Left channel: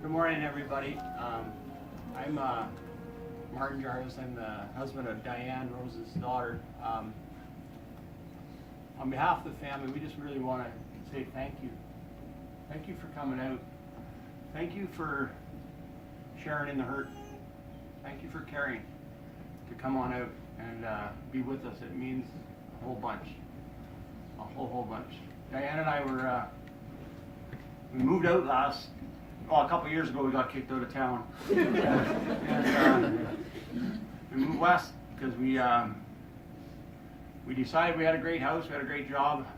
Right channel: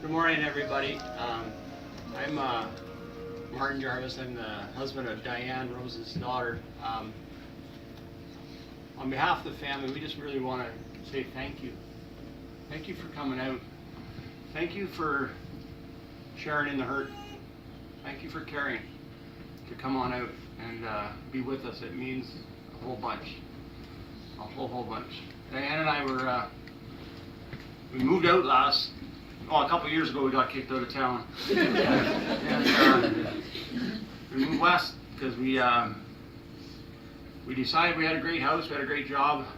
Good morning, everybody. I'm Martin Jarvis. I'm the husband of Diane, Rose's daughter. On behalf of the family, we just really want to say thank you. Thank you for coming out. Thank you for sharing in the hurt. Thank you for caring to come on out and be with us. It means a whole bunch, a whole bunch. Diane and I we moved out a couple of years ago. We got kicked out of town, and we moved west because we decided we had a great house, we had a great job,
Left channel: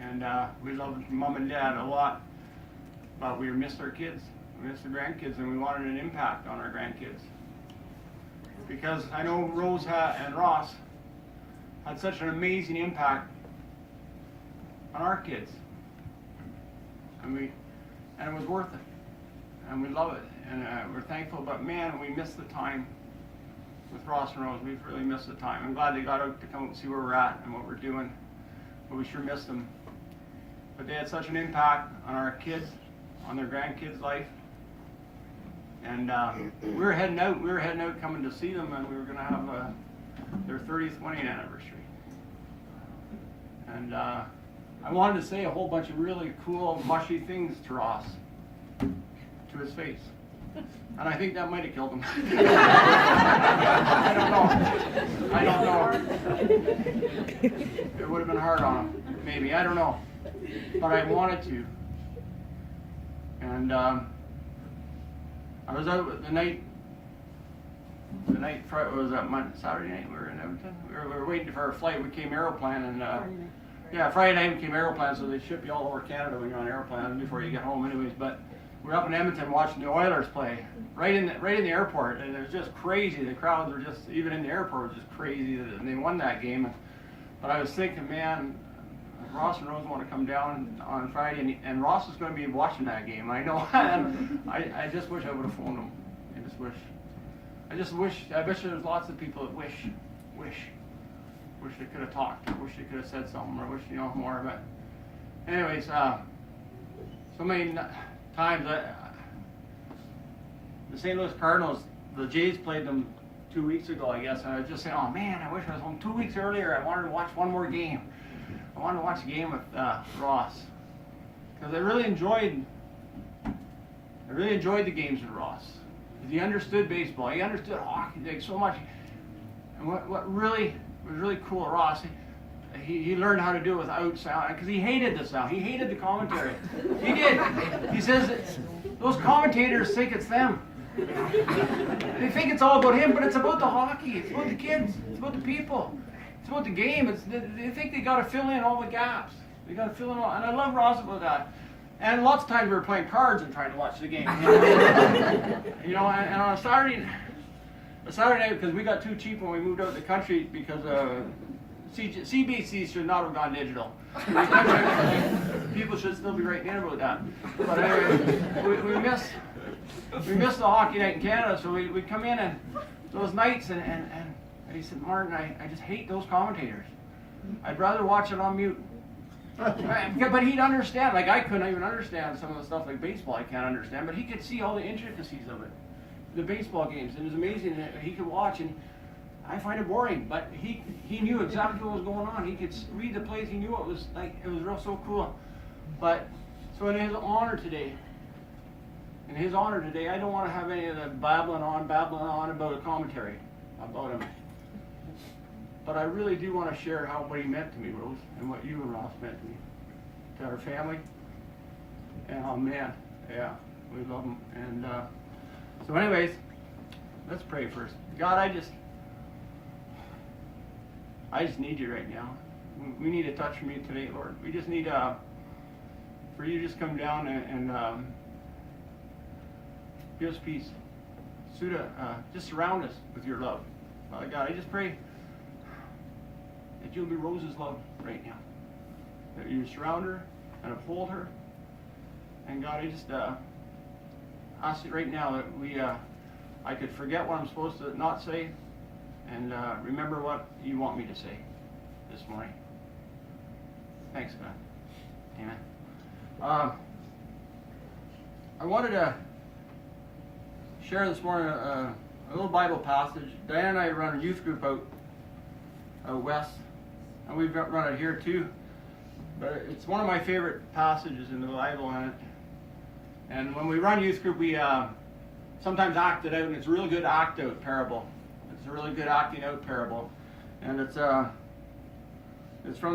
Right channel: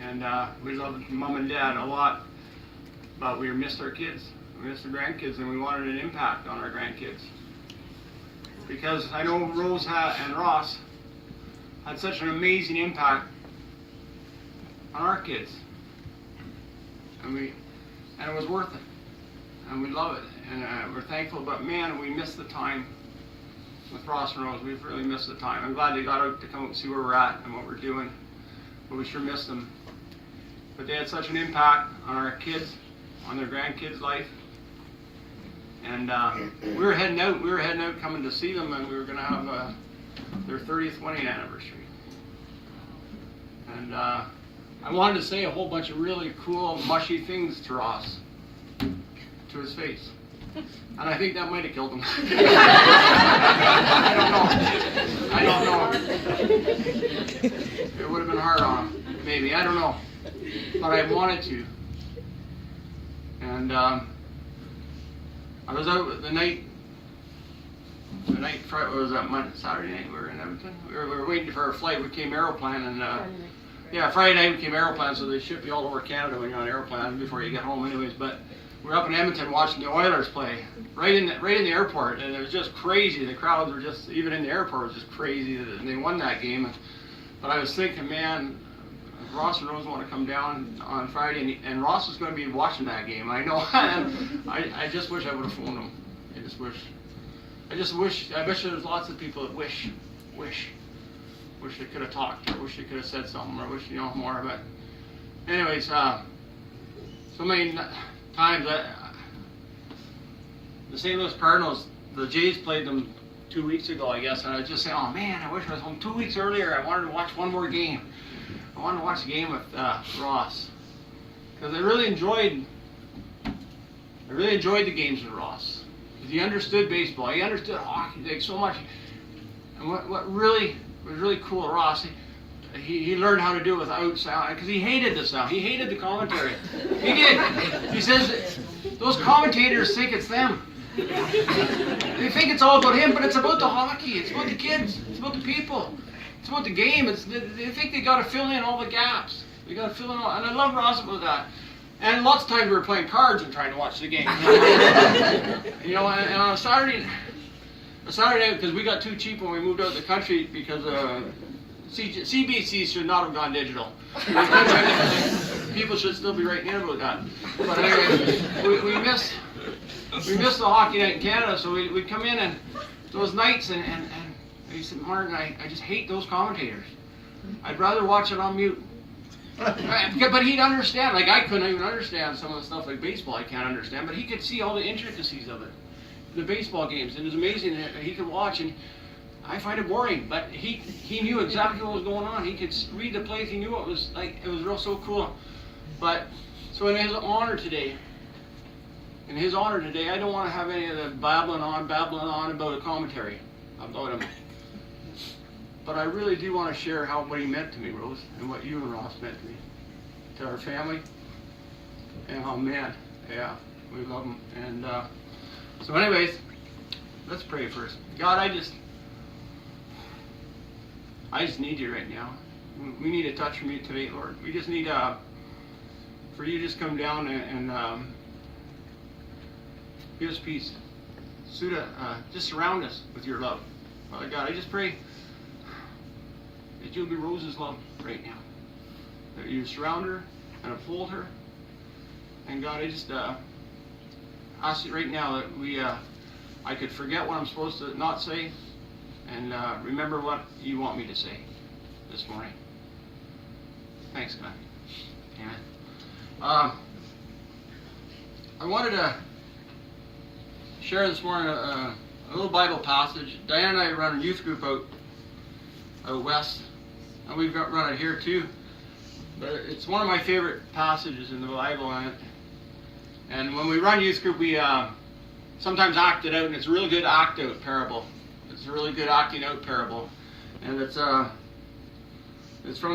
and we loved mom and dad a lot, but we missed our kids, we missed the grandkids, and we wanted an impact on our grandkids. Because I know Rose and Ross had such an amazing impact on our kids, and it was worth it. And we love it, and we're thankful, but man, we missed the time with Ross and Rose. We've really missed the time. I'm glad they got out to come and see where we're at and what we're doing, but we sure missed them. But they had such an impact on our kids, on their grandkids' life, and we were heading out coming to see them, and we were going to have their 30th wedding anniversary. And I wanted to say a whole bunch of really cool, mushy things to Ross, to his face, and I think that might have killed him. I don't know. It would have been hard on him, maybe. I don't know, but I wanted to. And I was out the night. Was that Saturday night? We were in Edmonton. We were waiting for our flight. We came aeroplan, and Friday night we came aeroplan. So they ship you all over Canada when you're on airplane before you get home, anyways. But we're up in Edmonton watching the Oilers play right in the airport, and it was just crazy. The crowds were just, even in the airport, was just crazy. And they won that game. But I was thinking, man, Ross and Rose want to come down on Friday, and Ross is going to be watching that game. I know. I just wish I would have phoned him. I wish there was lots of people that wish they could have talked, or wish they could have said something, or wish more of it. Anyways, so many times the St. Louis Cardinals, the Jays played them 2 weeks ago, I guess, and I was just saying, oh man, I wish I was home 2 weeks earlier. I wanted to watch one more game. I wanted to watch a game with Ross, because I really enjoyed the games with Ross. He understood baseball. He understood hockey like so much. And what really was really cool with Ross, he learned how to do it without sound, because he hated the sound. He hated the commentary. He did. He says those commentators think it's them. They think it's all about him, but it's about the hockey. It's about the kids. It's about the people. It's about the game. They think they got to fill in all the gaps. They got to fill in all. And I love Ross about that. And lots of times we were playing cards and trying to watch the game. And on a Saturday night, because we got too cheap when we moved out of the country, because CBC should not have gone digital. People should still be writing in about that. But anyway, we missed the hockey night in Canada, so we'd come in and those nights and he said, Martin, I just hate those commentators. I'd rather watch it on mute. But he'd understand. Like, I couldn't even understand some of the stuff like baseball. I can't understand, but he could see all the intricacies of it, the baseball games. It was amazing that he could watch, and I find it boring, but he knew exactly what was going on. He could read the plays. He knew what was like. It was real so cool. But so in his honor today, I don't want to have any of the babbling on about a commentary about him. But I really do want to share what he meant to me, Rose, and what you and Ross meant to me, to our family. And oh man, yeah, we love him. And so anyways, let's pray first. God, I just need you right now. We need a touch from you today, Lord. We just need for you to just come down and give us peace. Just surround us with your love. Father God, I just pray that you'll be Rose's love right now. That you surround her and uphold her. And God, I just ask you right now that I could forget what I'm supposed to not say and remember what you want me to say this morning. Thanks, God. Amen. I wanted to share this morning a little Bible passage. Diane and I run a youth group out west, and we've run it here too. But it's one of my favorite passages in the Bible, and when we run youth group, we sometimes act it out, and it's a really good act out parable. It's a really good acting out parable, and it's from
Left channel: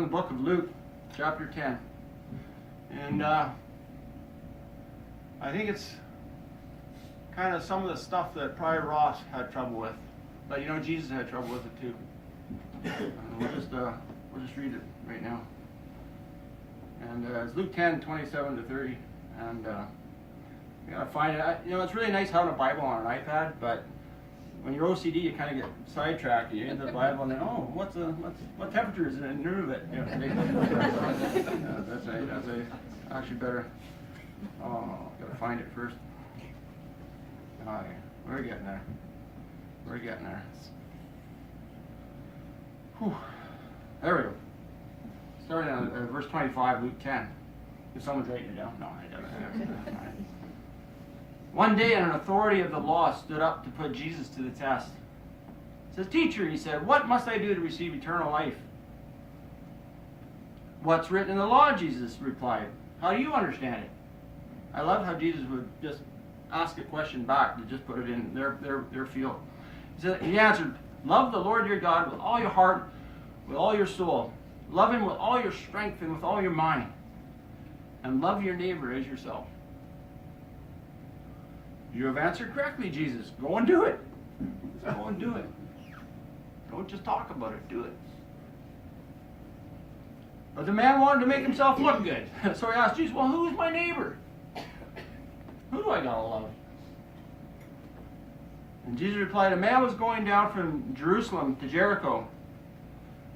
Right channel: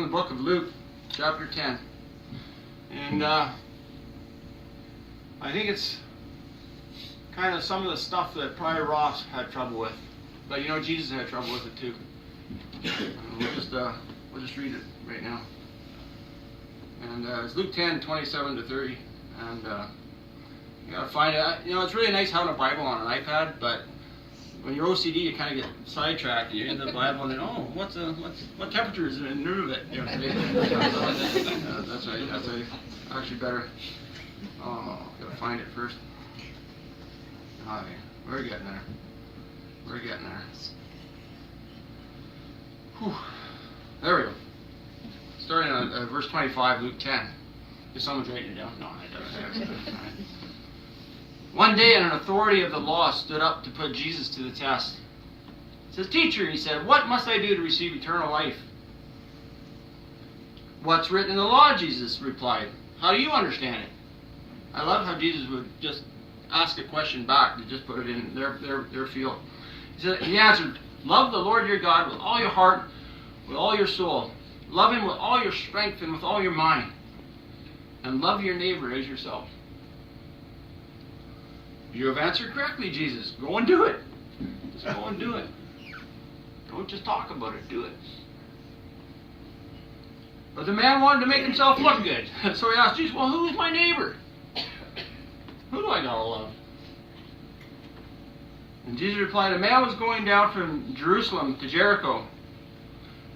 the book of Luke, chapter 10, and I think it's kind of some of the stuff that probably Ross had trouble with, but you know Jesus had trouble with it too. We'll just read it right now. And it's Luke 10, 27 to 30. And you gotta find it. You know, it's really nice having a Bible on an iPad, but when you're OCD, you kind of get sidetracked. You end the Bible and then, oh, what temperature is it in Nunavut? You know, today. That's right. That's actually better. Oh, gotta find it first. Oh, yeah. We're getting there. We're getting there. Whew. There we go. Starting on verse 25, Luke 10. If someone's writing it down. No, I don't. Right. One day an authority of the law stood up to put Jesus to the test. He says, "Teacher," he said, "what must I do to receive eternal life?" "What's written in the law?" Jesus replied. "How do you understand it?" I love how Jesus would just ask a question back to just put it in their field. He answered, "Love the Lord your God with all your heart, with all your soul. Love him with all your strength and with all your mind. And love your neighbor as yourself." "You have answered correctly, Jesus. Go and do it." Just go and do it. Don't just talk about it, do it. But the man wanted to make himself look good. So he asked Jesus, "Well, who is my neighbor? Who do I gotta love?" And Jesus replied, "A man was going down from Jerusalem to Jericho.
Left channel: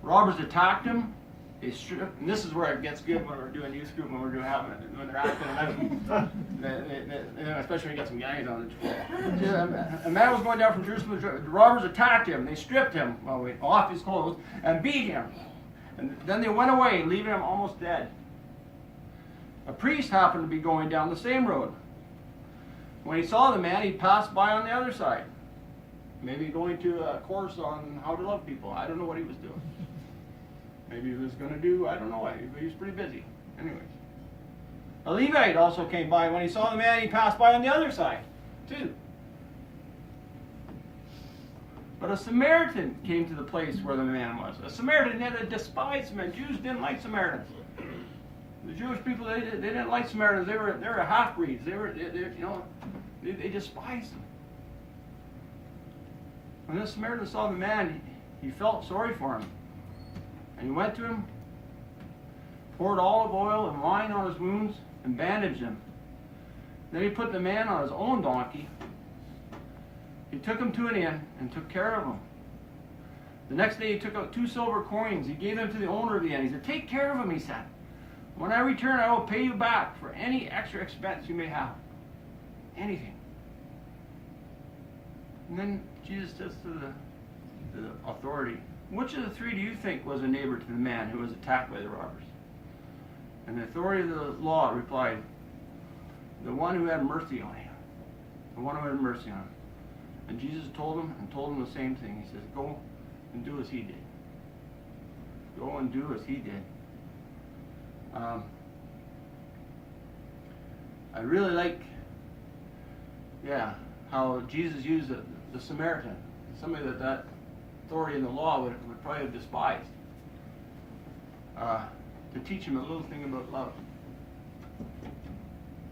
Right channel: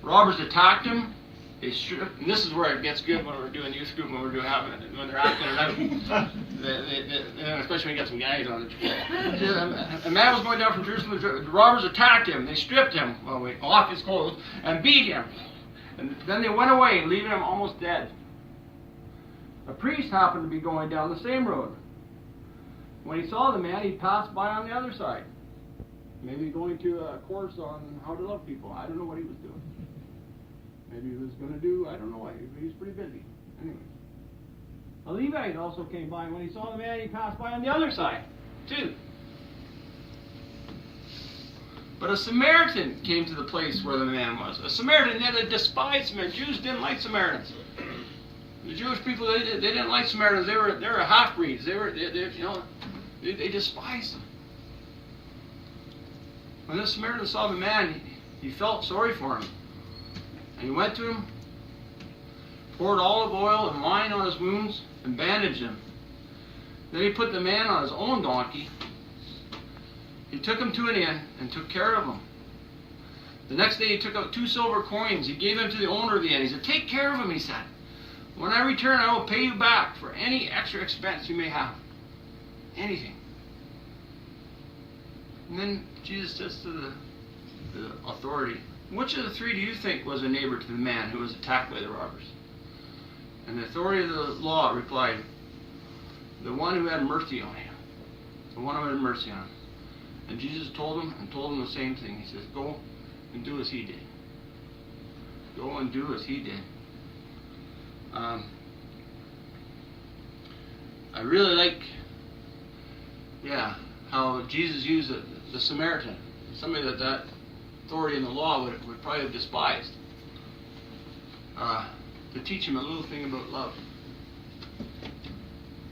Robbers attacked him. They stripped, and this is where it gets good when we're doing youth group, when they're acting it out. Especially when you got some guys on it. A man was going down from Jerusalem. The robbers attacked him. They stripped him off his clothes and beat him. And then they went away, leaving him almost dead. A priest happened to be going down the same road. When he saw the man, he passed by on the other side. Maybe going to a course on how to love people. I don't know what he was doing. Maybe he was going to do, I don't know what. He was pretty busy. Anyways. A Levite also came by. When he saw the man, he passed by on the other side, too. But a Samaritan came to the place where the man was. A Samaritan that despised him. Jews didn't like Samaritans. The Jewish people, they didn't like Samaritans. They were half-breeds. They despised them. When this Samaritan saw the man, he felt sorry for him. And he went to him, poured olive oil and wine on his wounds, and bandaged him. Then he put the man on his own donkey. He took him to an inn and took care of him. The next day he took out 2 silver coins. He gave them to the owner of the inn. He said, "Take care of him," he said. "When I return, I will pay you back for any extra expense you may have." Anything. And then Jesus says to the authority, "Which of the 3 do you think was a neighbor to the man who was attacked by the robbers?" And the authority of the law replied, "The one who had mercy on him." The one who had mercy on him. And Jesus told him the same thing. He says, "Go and do as he did." Go and do as he did. I really like, how Jesus used the Samaritan, somebody that authority in the law would probably have despised, to teach him a little thing about love.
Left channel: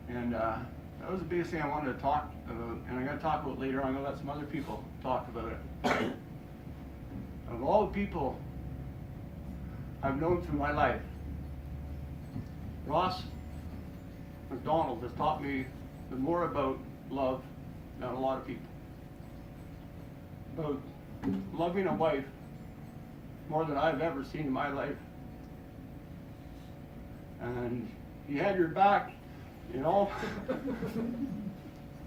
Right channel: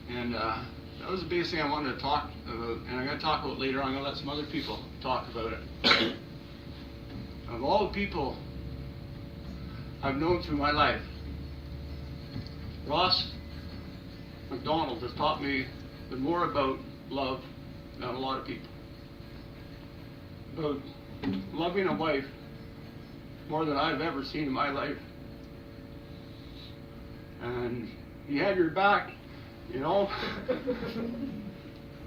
And that was the biggest thing I wanted to talk about, and I'm going to talk about it later on. I'm going to let some other people talk about it. Of all the people I've known through my life, Ross McDonald has taught me more about love than a lot of people. About loving a wife more than I've ever seen in my life. And he had your back, you know.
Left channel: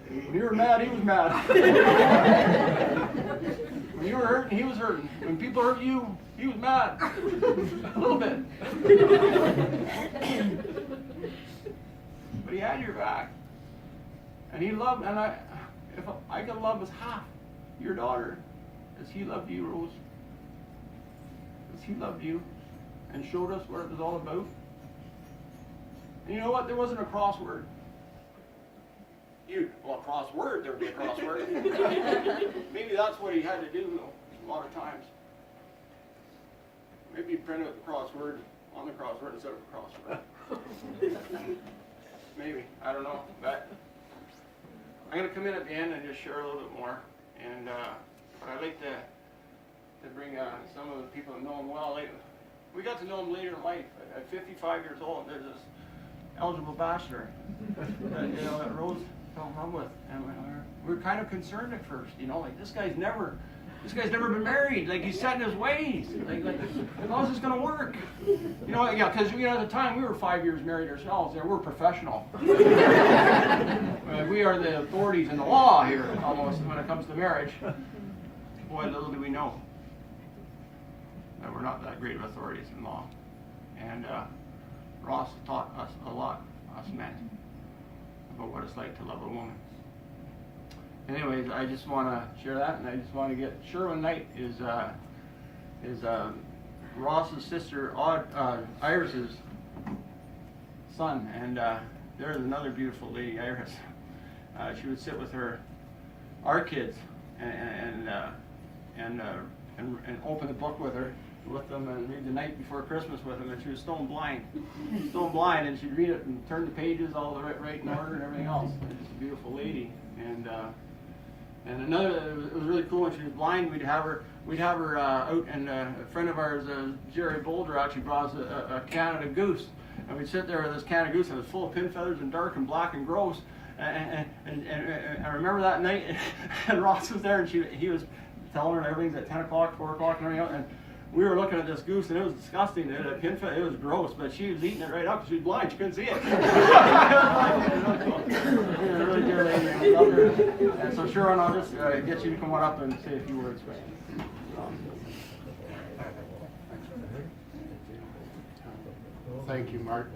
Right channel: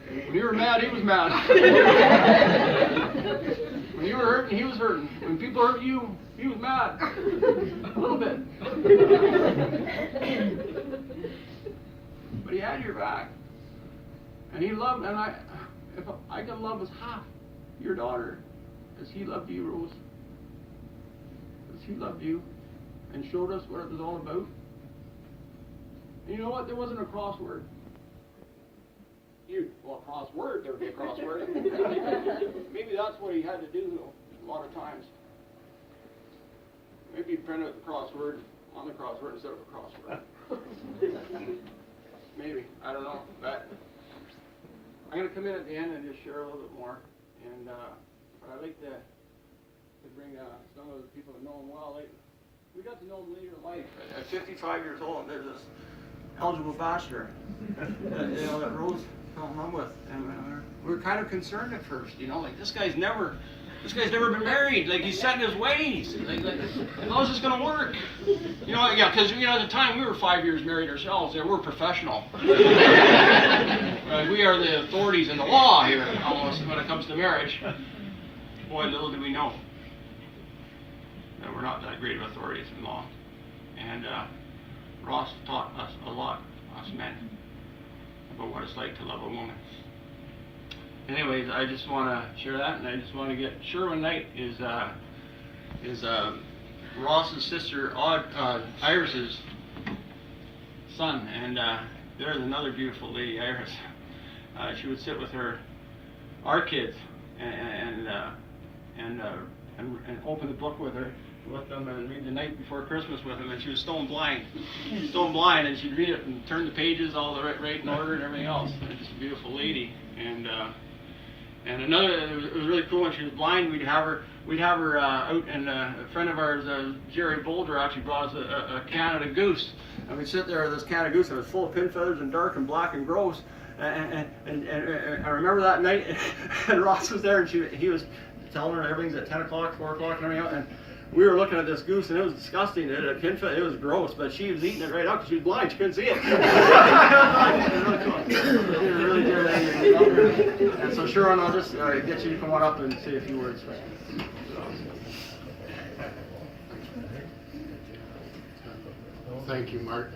When you were mad, he was mad. When you were hurting, he was hurting. When people hurt you, he was mad. A little bit. But he had your back. And he loved, and if I can love as half your daughter as he loved you, Rose, as he loved you and showed us what it was all about. And you know what? There wasn't a crossword. Well, crossword, there would be a crossword. Maybe that's what he had to do, though, a lot of times. Maybe he printed out the crossword on the crossword instead of a crossword. Maybe, I don't know. But I'm going to come in at the end and just share a little bit more. And but I'd like to bring some of the people that know him well. We got to know him later in life. At 55 years old, there's this eligible bachelor that Rose fell in love with, and we were kind of concerned at first, like this guy's never been married, like he's set in his ways, like how's this gonna work? Yeah, because at the time we were 5 years married ourselves, and we're professional. We are the authorities in the law here, almost, when it comes to marriage. Boy, little do we know that we're not that great of authorities in law. And Ross taught us a lot, us men, about what it's like to love a woman. Anyways, I just want to share that, and I just want to get Sherwin Knight is Ross's sister Iris's son, and there's another beautiful lady, Iris. She would sit with our kids, and open the book with them and read The Night Before Christmas with them, and she was stone blind, and she'd read it and turn the pages all the right in order and everything else. And just a beautiful lady, and another, it was really cool when she was blind. We'd have her out, and a friend of ours, Jerry Boulder, actually brought us a Canada Goose, and we'd sit there with this Canada Goose, and it was full of pin feathers and dark and black and gross. And I remember that night, and Ross was there, and he was telling her everything's at 10 o'clock, 4 o'clock, and everything else, and we were looking at this goose, and it was disgusting. It was gross, but she was eating it right up because she was blind. She couldn't see it. Really good. And so, Sharon, I'll just get you to come on up and say a few words. Thank you, Mark.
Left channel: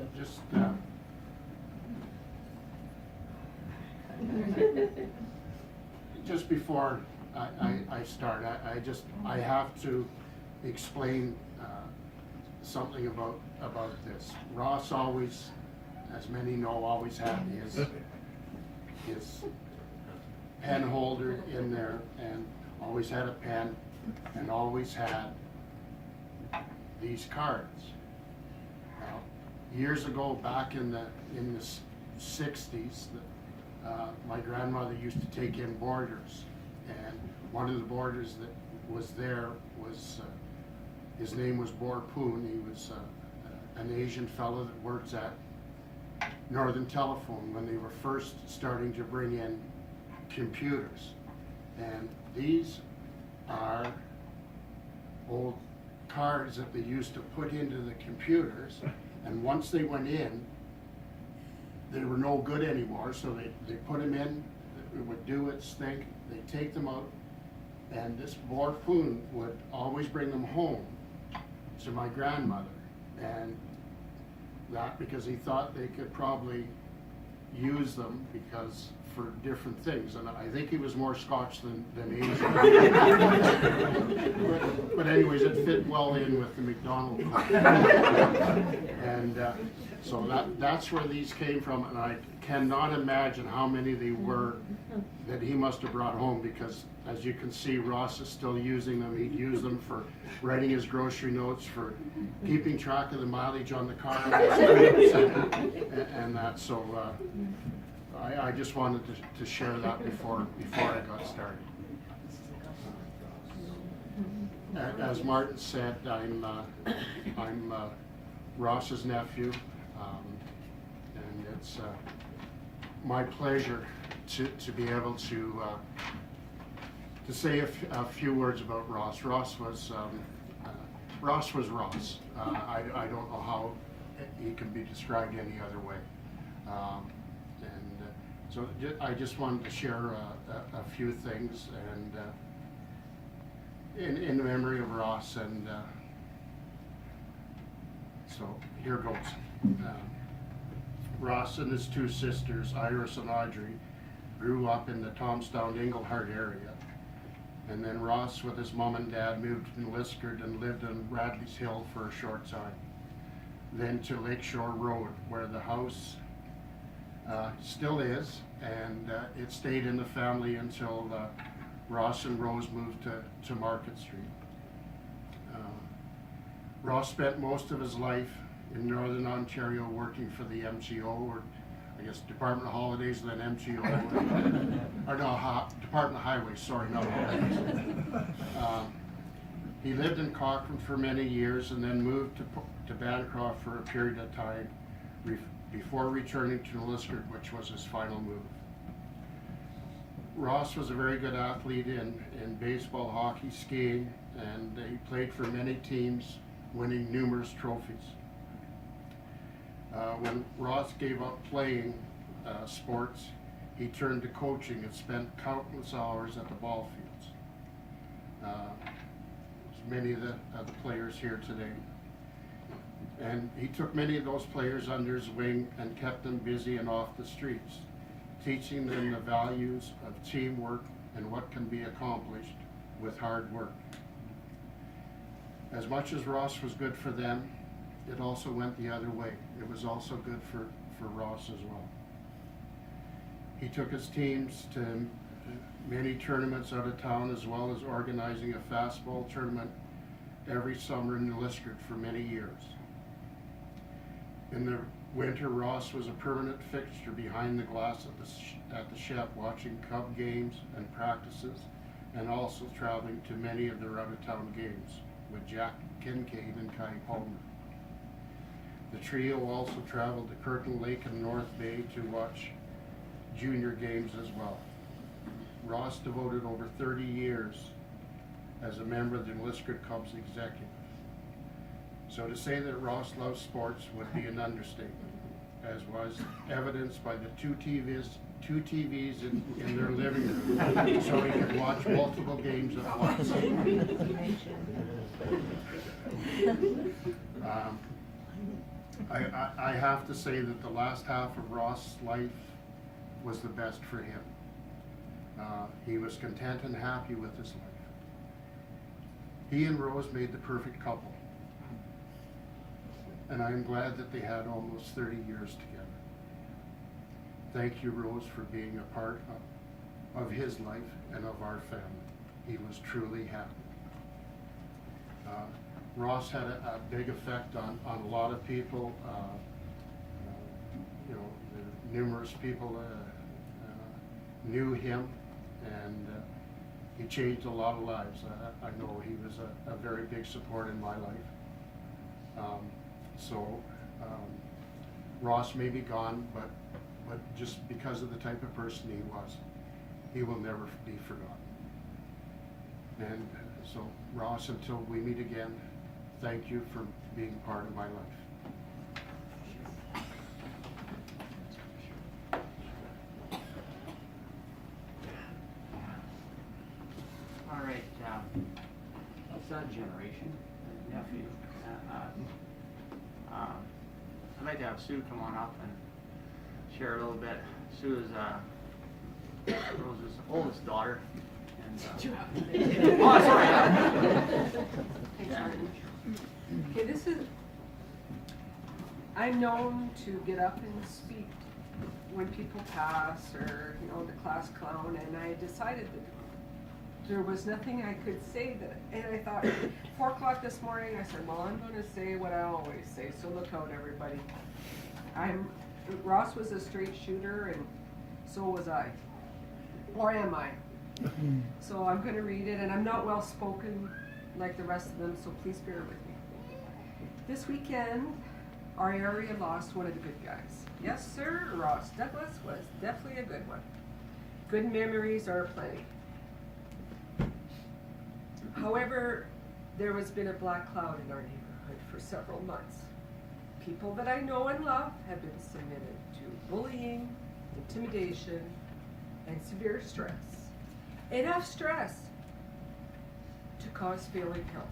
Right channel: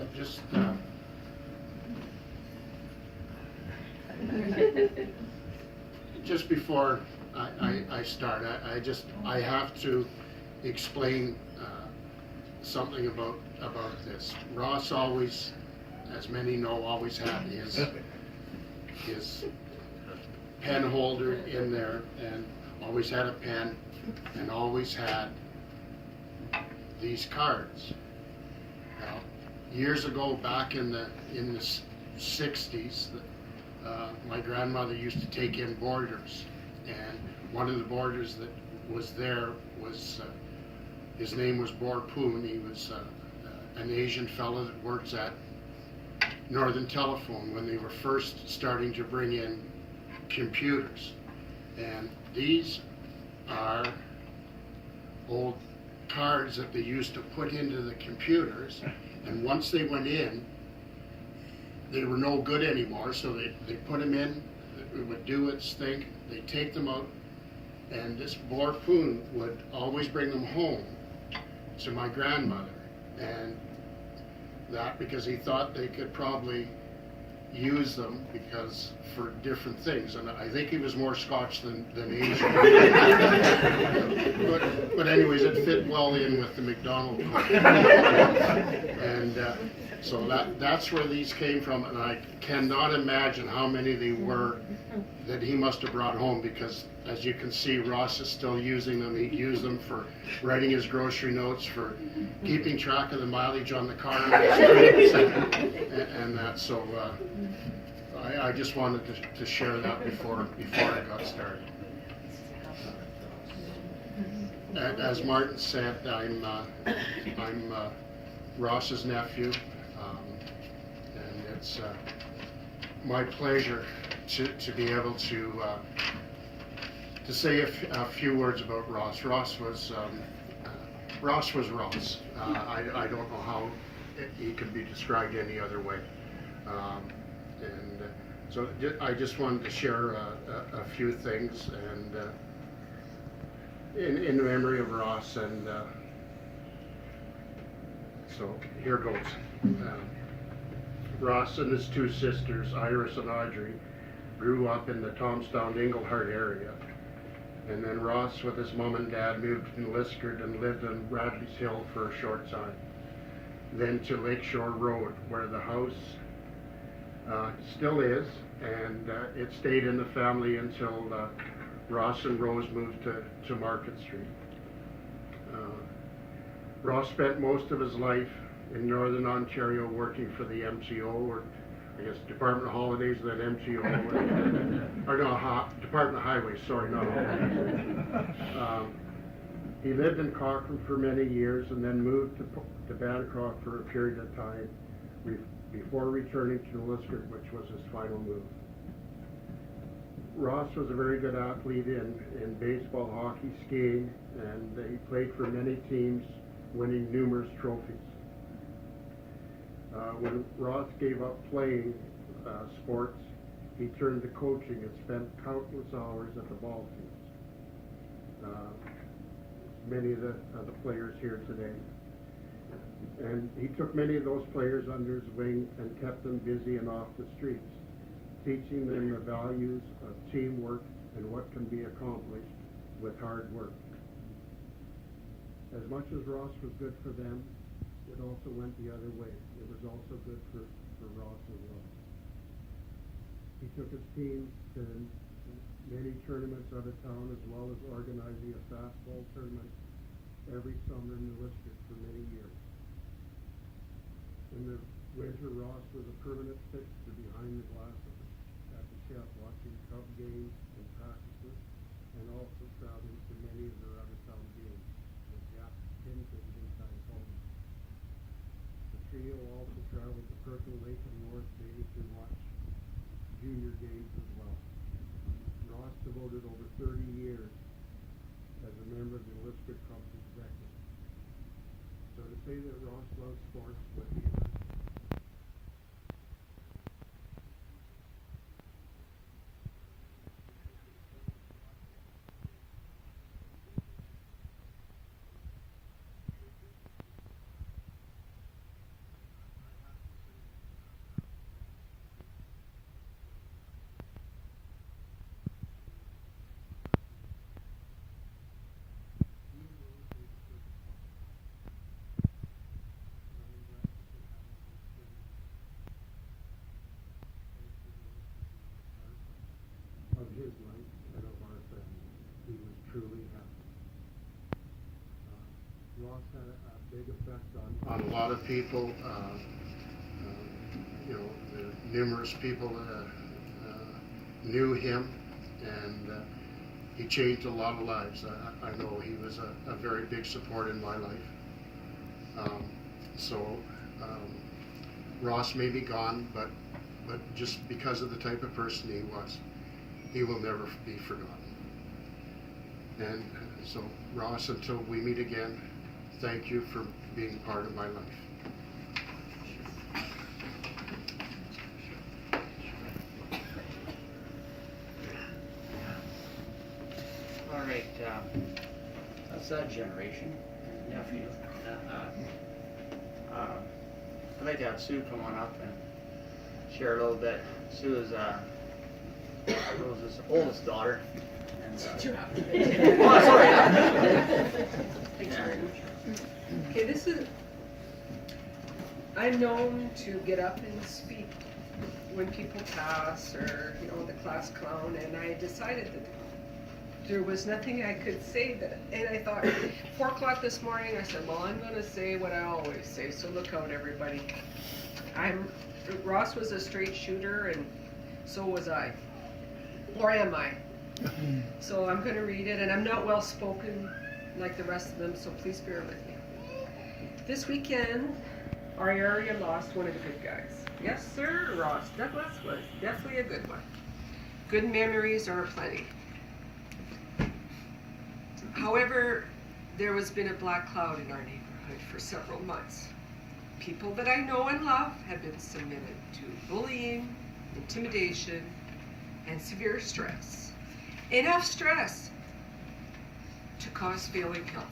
Just before I start, I have to explain something about this. Ross always, as many know, always had his pen holder in there, and always had a pen, and always had these cards. Now, years ago, back in the 60s, my grandmother used to take in boarders, and one of the boarders that was there was his name was Borpoon. He was an Asian fellow that works at Northern Telephone when they were first starting to bring in computers. And these are old cards that they used to put into the computers, and once they went in, they were no good anymore, so they put them in, it would do its thing, they take them out, and this Borpoon would always bring them home to my grandmother, and that because he thought they could probably use them because for different things, and I think he was more Scotch than Asian. but anyways, it fit well in with the McDonald part. And so that's where these came from, and I cannot imagine how many they were that he must have brought home, because as you can see, Ross is still using them. He used them for writing his grocery notes, for keeping track of the mileage on the car, and that. So I just wanted to share that before I got started. As Martin said, I'm Ross's nephew, and it's my pleasure to be able to say a few words about Ross. Ross was Ross. I don't know how he could be described any other way. So I just wanted to share a few things, and in memory of Ross, and so here goes. Ross and his two sisters, Iris and Audrey, grew up in the Tomstown, Englehart area. And then Ross, with his mom and dad, moved in Liskeard and lived in Bradley's Hill for a short time. Then to Lakeshore Road, where the house still is, and it stayed in the family until Ross and Rose moved to Market Street. Ross spent most of his life in Northern Ontario working for the MCO, or I guess Department of Holidays, then MCO, or no, Department of Highways, sorry, not Holidays. He lived in Cochrane for many years and then moved to Bancroft for a period of time before returning to Liskeard, which was his final move. Ross was a very good athlete in baseball, hockey, skiing, and he played for many teams, winning numerous trophies. When Ross gave up playing sports, he turned to coaching and spent countless hours at the ball fields. Many of the players here today. And he took many of those players under his wing and kept them busy and off the streets, teaching them the values of teamwork and what can be accomplished with hard work. As much as Ross was good for them, it also went the other way. It was also good for Ross as well. He took his teams to many tournaments out of town, as well as organizing a fastball tournament every summer in Liskeard for many years. In the winter, Ross was a permanent fixture behind the glass at the Shep, watching Cub games and practices, and also traveling to many of their out-of-town games with Jack Kincaid and Kai Palmer. The trio also traveled to Kirkland Lake and North Bay to watch junior games as well. Ross devoted over 30 years as a member of the Liskeard Cubs executive. So to say that Ross loves sports would be an understatement, as was evidenced by the two TVs in their living room, so he could watch multiple games at once. I have to say that the last half of Ross' life was the best for him. He was content and happy with his life. He and Rose made the perfect couple. And I'm glad that they had almost 30 years together. Thank you, Rose, for being a part of his life and of our family. He was truly happy. Ross had a big effect on a lot of people. The numerous people knew him, and he changed a lot of lives. I know he was a very big support in my life. Ross may be gone, but just because of the type of person he was, he will never be forgotten. And so, Ross, until we meet again, thank you for being part of my life. All right, that's that generation, nephew. I'd like to have Sue come on up and share a little bit. Sue is Rose's oldest daughter. And, oh, sorry. Thanks very much. Okay, I'm known to get up and speak when people pass, or, the class clown, and I decided that there was nothing I could say and I thought, 4 o'clock this morning, I said, well, I'm gonna say what I always say, so look out, everybody. Ross was a straight shooter, and so was I. Or am I? So I'm gonna read it, and I'm not well spoken like the rest of them, so please bear with me. This weekend, our area lost one of the good guys. Yes, sir, Ross Douglas was definitely a good one. Good memories are plenty. However, there has been a black cloud in our neighborhood for several months. People that I know and love have been submitted to bullying, intimidation, and severe stress. Enough stress to cause failing health.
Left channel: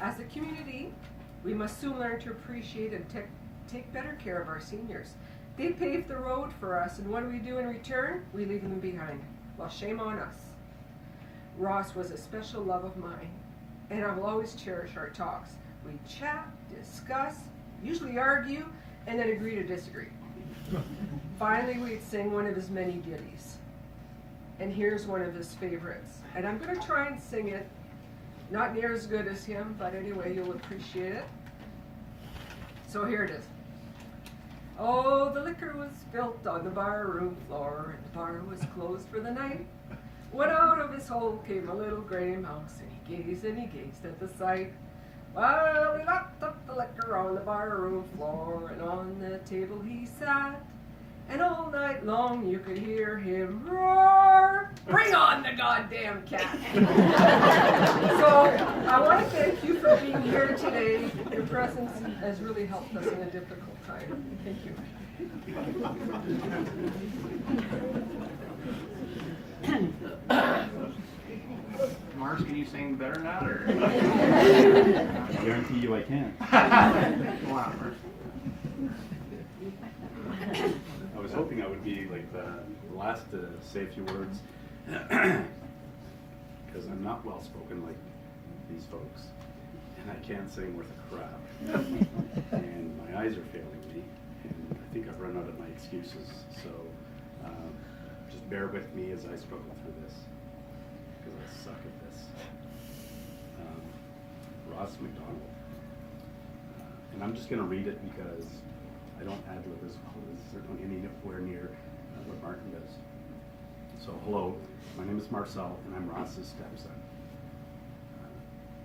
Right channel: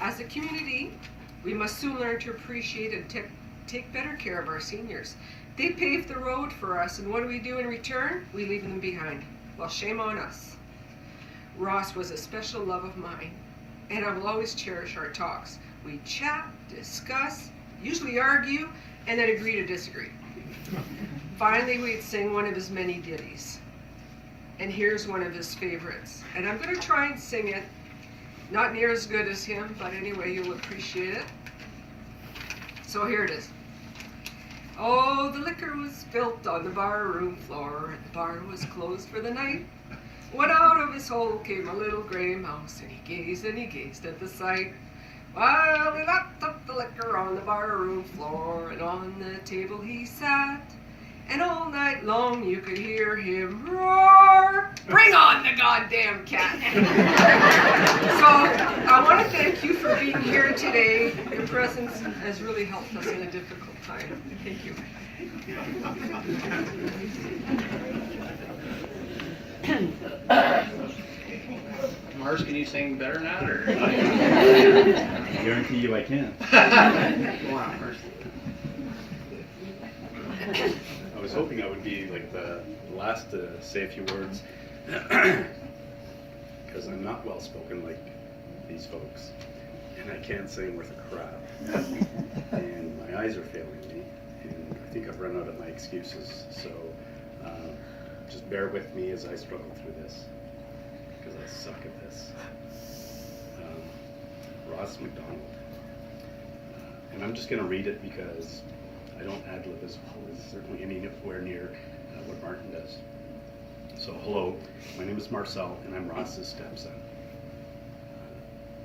As a community, we must soon learn to appreciate and take better care of our seniors. They paved the road for us, and what do we do in return? We leave them behind. Well, shame on us. Ross was a special love of mine, and I will always cherish our talks. We chat, discuss, usually argue, and then agree to disagree. Finally, we'd sing one of his many ditties. And here's one of his favorites. And I'm going to try and sing it. Not near as good as him, but anyway, you'll appreciate it. So here it is. Oh, the liquor was spilt on the bar room floor, and the bar was closed for the night. When out of his hole came a little gray mouse, and he gazed at the sight. Well, he lapped up the liquor on the bar room floor, and on the table he sat. And all night long you could hear him roar, "Bring on the goddamn cat!" So I want to thank you for being here today. Your presence has really helped us in a difficult time. Thank you. Mars, can you sing better now? Or? I guarantee you I can. Go on, Mars. I was hoping I would be like the last to say a few words because I'm not well spoken like these folks, and I can't sing worth a crap, and my eyes are failing me, and I think I've run out of my excuses. So just bear with me as I struggle through this because I suck at this. Ross McDonald, and I'm just going to read it because I don't ad-lib as well as certainly anywhere near what Martin does. So hello, my name is Marcel and I'm Ross's stepson.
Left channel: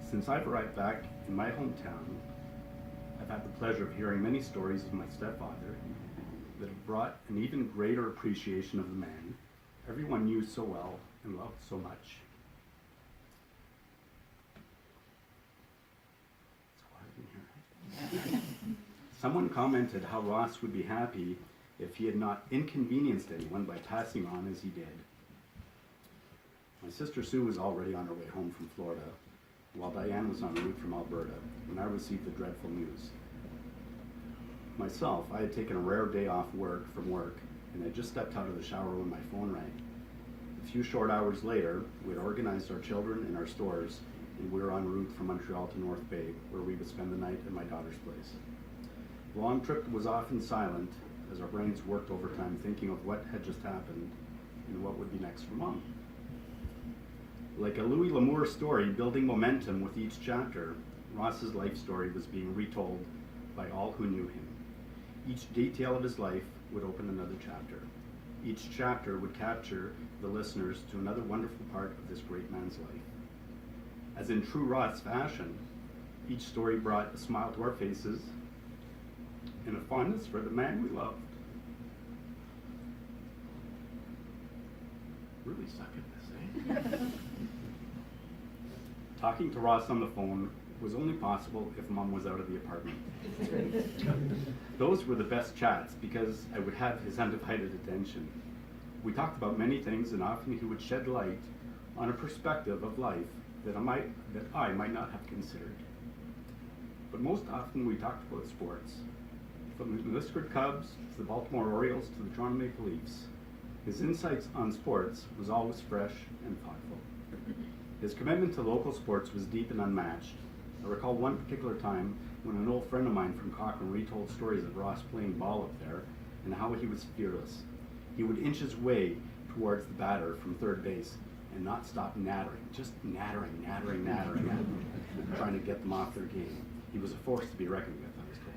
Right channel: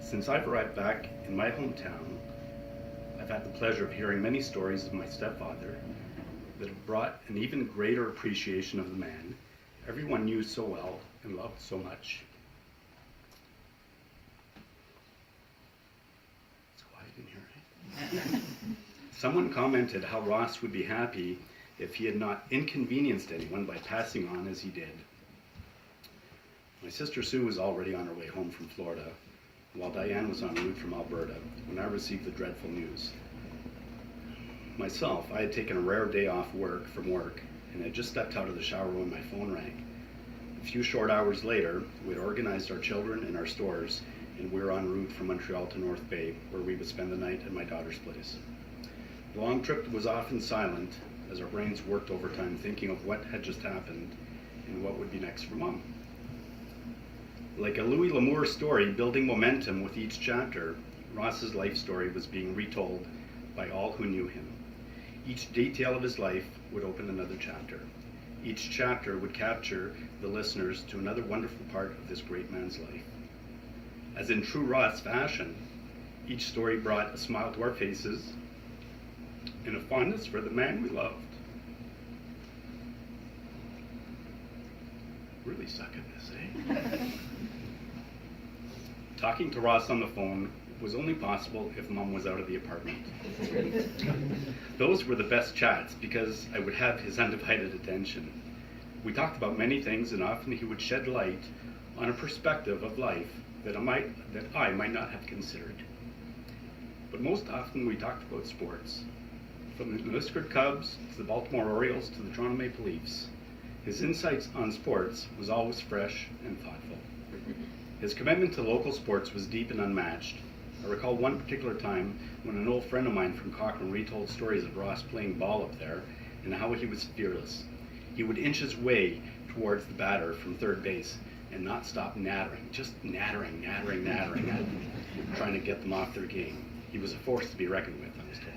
Since I've arrived back in my hometown, I've had the pleasure of hearing many stories of my stepfather that have brought an even greater appreciation of the man everyone knew so well and loved so much. It's quiet in here. Someone commented how Ross would be happy if he had not inconvenienced anyone by passing on as he did. My sister Sue was already on her way home from Florida, while Diane was en route from Alberta when I received the dreadful news. Myself, I had taken a rare day off from work and had just stepped out of the shower when my phone rang. A few short hours later, we had organized our children and our stores, and we were en route from Montreal to North Bay, where we would spend the night at my daughter's place. The long trip was often silent as our brains worked overtime thinking of what had just happened and what would be next for Mom. Like a Louis L'Amour story building momentum with each chapter, Ross's life story was being retold by all who knew him. Each detail of his life would open another chapter. Each chapter would capture the listeners to another wonderful part of this great man's life. As in true Ross fashion, each story brought a smile to our faces and a fondness for the man we loved. Really suck at this, eh? Talking to Ross on the phone was only possible if Mom was out of the apartment. Those were the best chats because I would have his undivided attention. We talked about many things, and often he would shed light on a perspective of life that I might not have considered. But most often we talked about sports. From the Liskeard Cubs to the Baltimore Orioles to the Toronto Maple Leafs, his insights on sports was always fresh and thoughtful. His commitment to local sports was deep and unmatched. I recall one particular time when an old friend of mine from Cochrane retold stories of Ross playing ball up there and how he was fearless. He would inch his way towards the batter from third base and not stop nattering, just nattering, trying to get them off their game. He was a force to be reckoned with, I was told.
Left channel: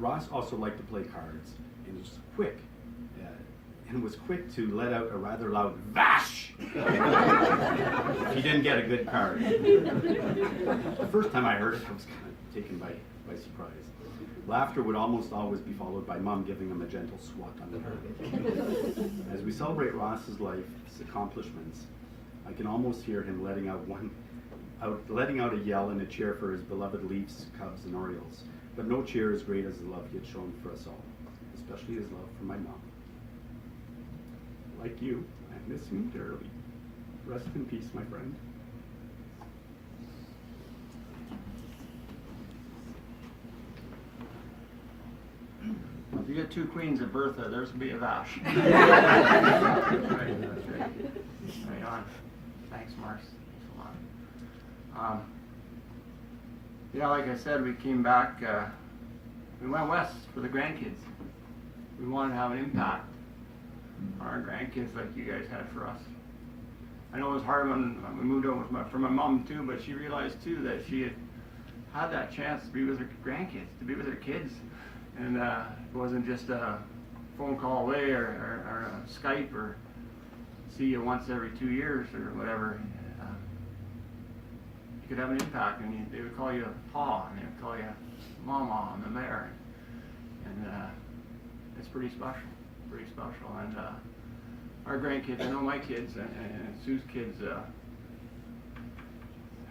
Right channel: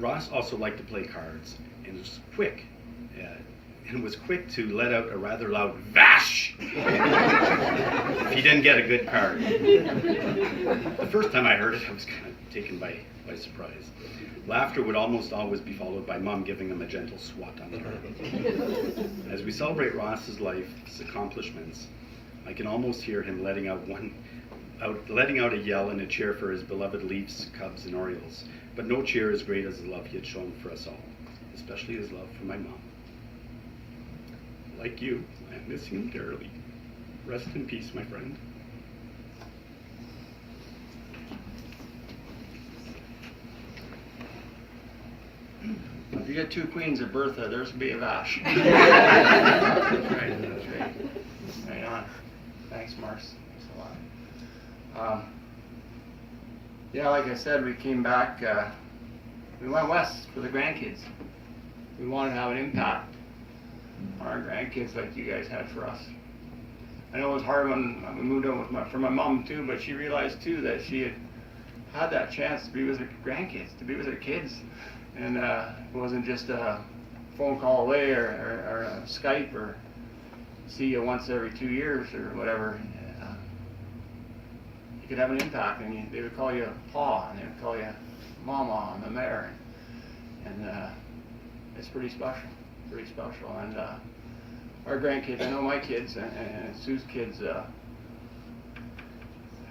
Ross also liked to play cards and was quick to let out a rather loud "vash" if he didn't get a good card. The first time I heard it, I was kind of taken by surprise. Laughter would almost always be followed by Mom giving him a gentle swat on the head. As we celebrate Ross's life's accomplishments, I can almost hear him letting out a yell and a cheer for his beloved Leafs, Cubs, and Orioles. But no cheer as great as the love he had shown for us all, especially his love for my mom. Like you, I miss him dearly. Rest in peace, my friend. If you get two queens at Bertha, there's be a Vash. That's right, that's right. Right on. Thanks, Mars. Thanks a lot. Yeah, like I said, we came back, we went west for the grandkids. We wanted to have an impact on our grandkids like you guys had for us. I know it was hard when we moved on for my mom too, but she realized too that she had that chance to be with her grandkids, to be with her kids. And it wasn't just a phone call away or a Skype or see you once every 2 years or whatever. You could have an impact, and they would call you Pa, and they would call you Mama and the Mayor. And it's pretty special, pretty special. And our grandkids, I know my kids and Sue's kids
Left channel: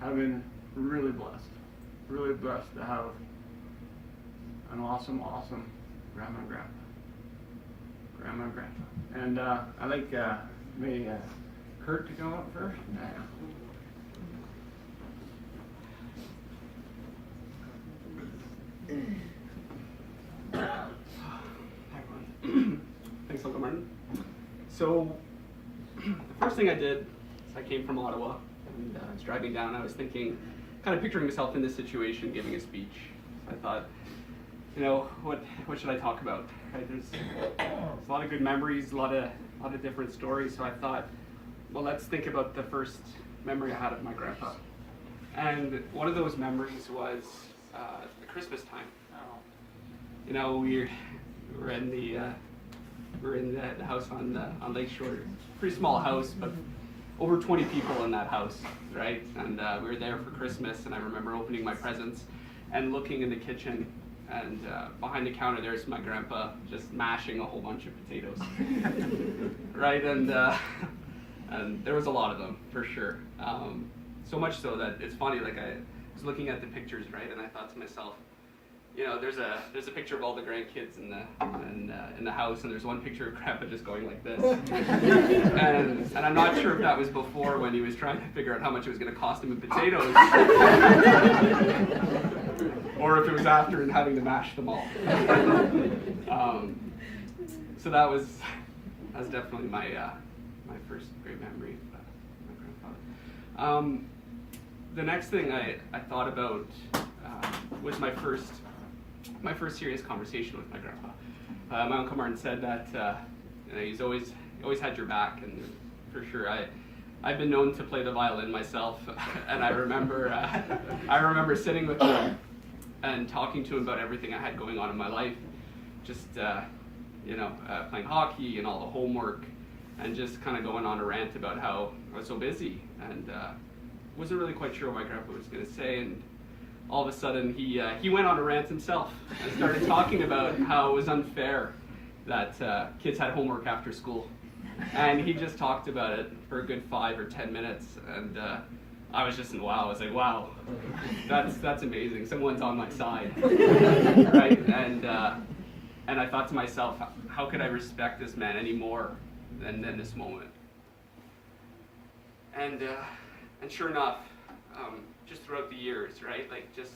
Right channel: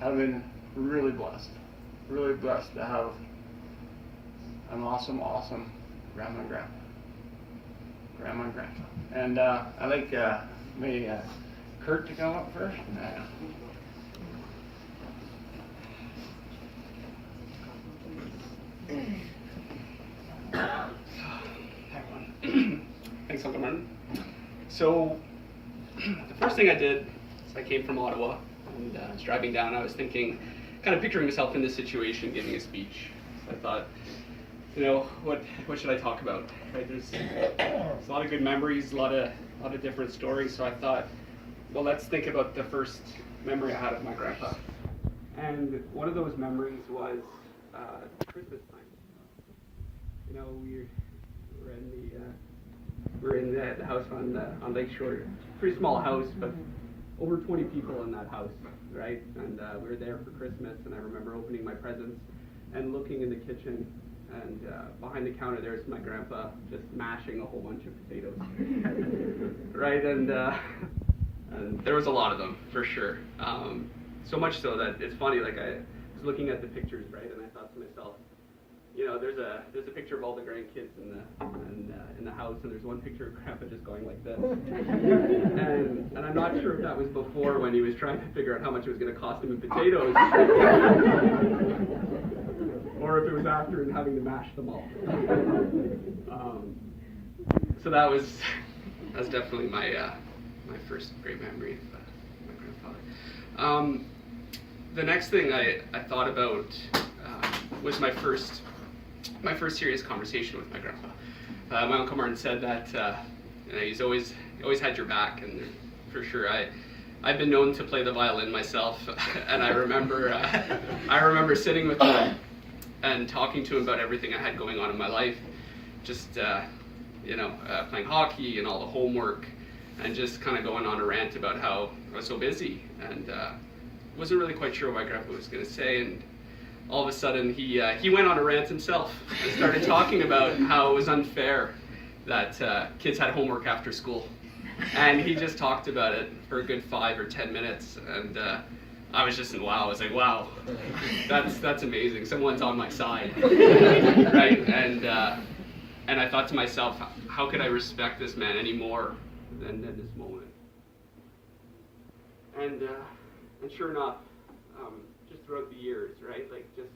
have been really blessed to have an awesome grandma and grandpa. Grandma and grandpa. And I like maybe Kurt to come up first. Thanks, Uncle Martin. So, the first thing I did is I came from Ottawa, and I was driving down. I was thinking, kind of picturing myself in this situation, giving a speech. So I thought, you know, what should I talk about? Right? There's a lot of good memories, a lot of different stories. So I thought, well, let's think about the first memory I had of my grandpa. And one of those memories was Christmas time. You know, we're in the house on Lakeshore. Pretty small house, but over 20 people in that house, right? And we were there for Christmas, and I remember opening my presents and looking in the kitchen, and behind the counter there's my grandpa just mashing a whole bunch of potatoes, right? And there was a lot of them for sure. So much so that it's funny. Like I was looking at the pictures, right, and I thought to myself, you know, there's a picture of all the grandkids in the house, and there's one picture of Grandpa just going like this. and I'm not sure if that was before when he was trying to figure out how much it was going to cost him in potatoes, or if it was after and having to mash them all. So that was definitely my first great memory of my grandfather. The next thing I thought about was my first serious conversation with my grandpa. My Uncle Martin said that you know, he's always had your back, and for sure I've been known to play the violin myself, and I remember sitting with him and talking to him about everything I had going on in my life, just you know, playing hockey and all the homework, and just kind of going on a rant about how I was so busy, and wasn't really quite sure what my grandpa was going to say. And all of a sudden he went on a rant himself and started talking about how it was unfair that kids had homework after school. And he just talked about it for a good 5 or 10 minutes, and I was just in wow. I was like, wow, that's amazing. Someone's on my side, right? And I thought to myself, how could I respect this man any more than this moment? And sure enough, just throughout the years, right? Like, just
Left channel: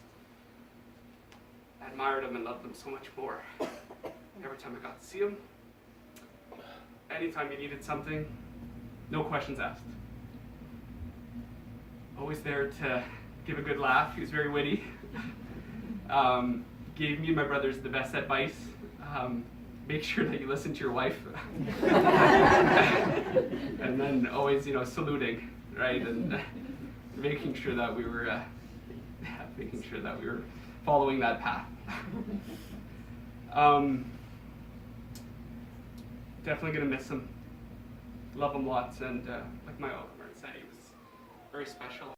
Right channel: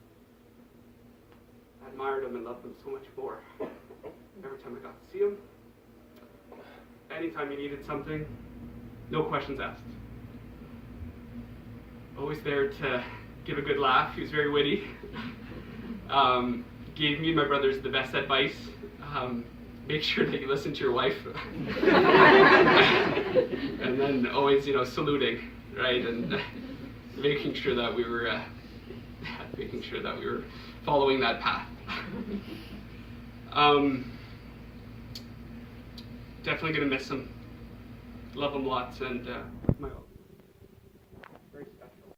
admired him and loved him so much more. Every time I got to see him, anytime he needed something, no questions asked. Always there to give a good laugh. He was very witty. Gave me and my brothers the best advice. Make sure that you listen to your wife. And then always, you know, saluting, right? And making sure that we were following that path. Definitely gonna miss him. Love him lots, and like my Uncle Martin said, he was very special.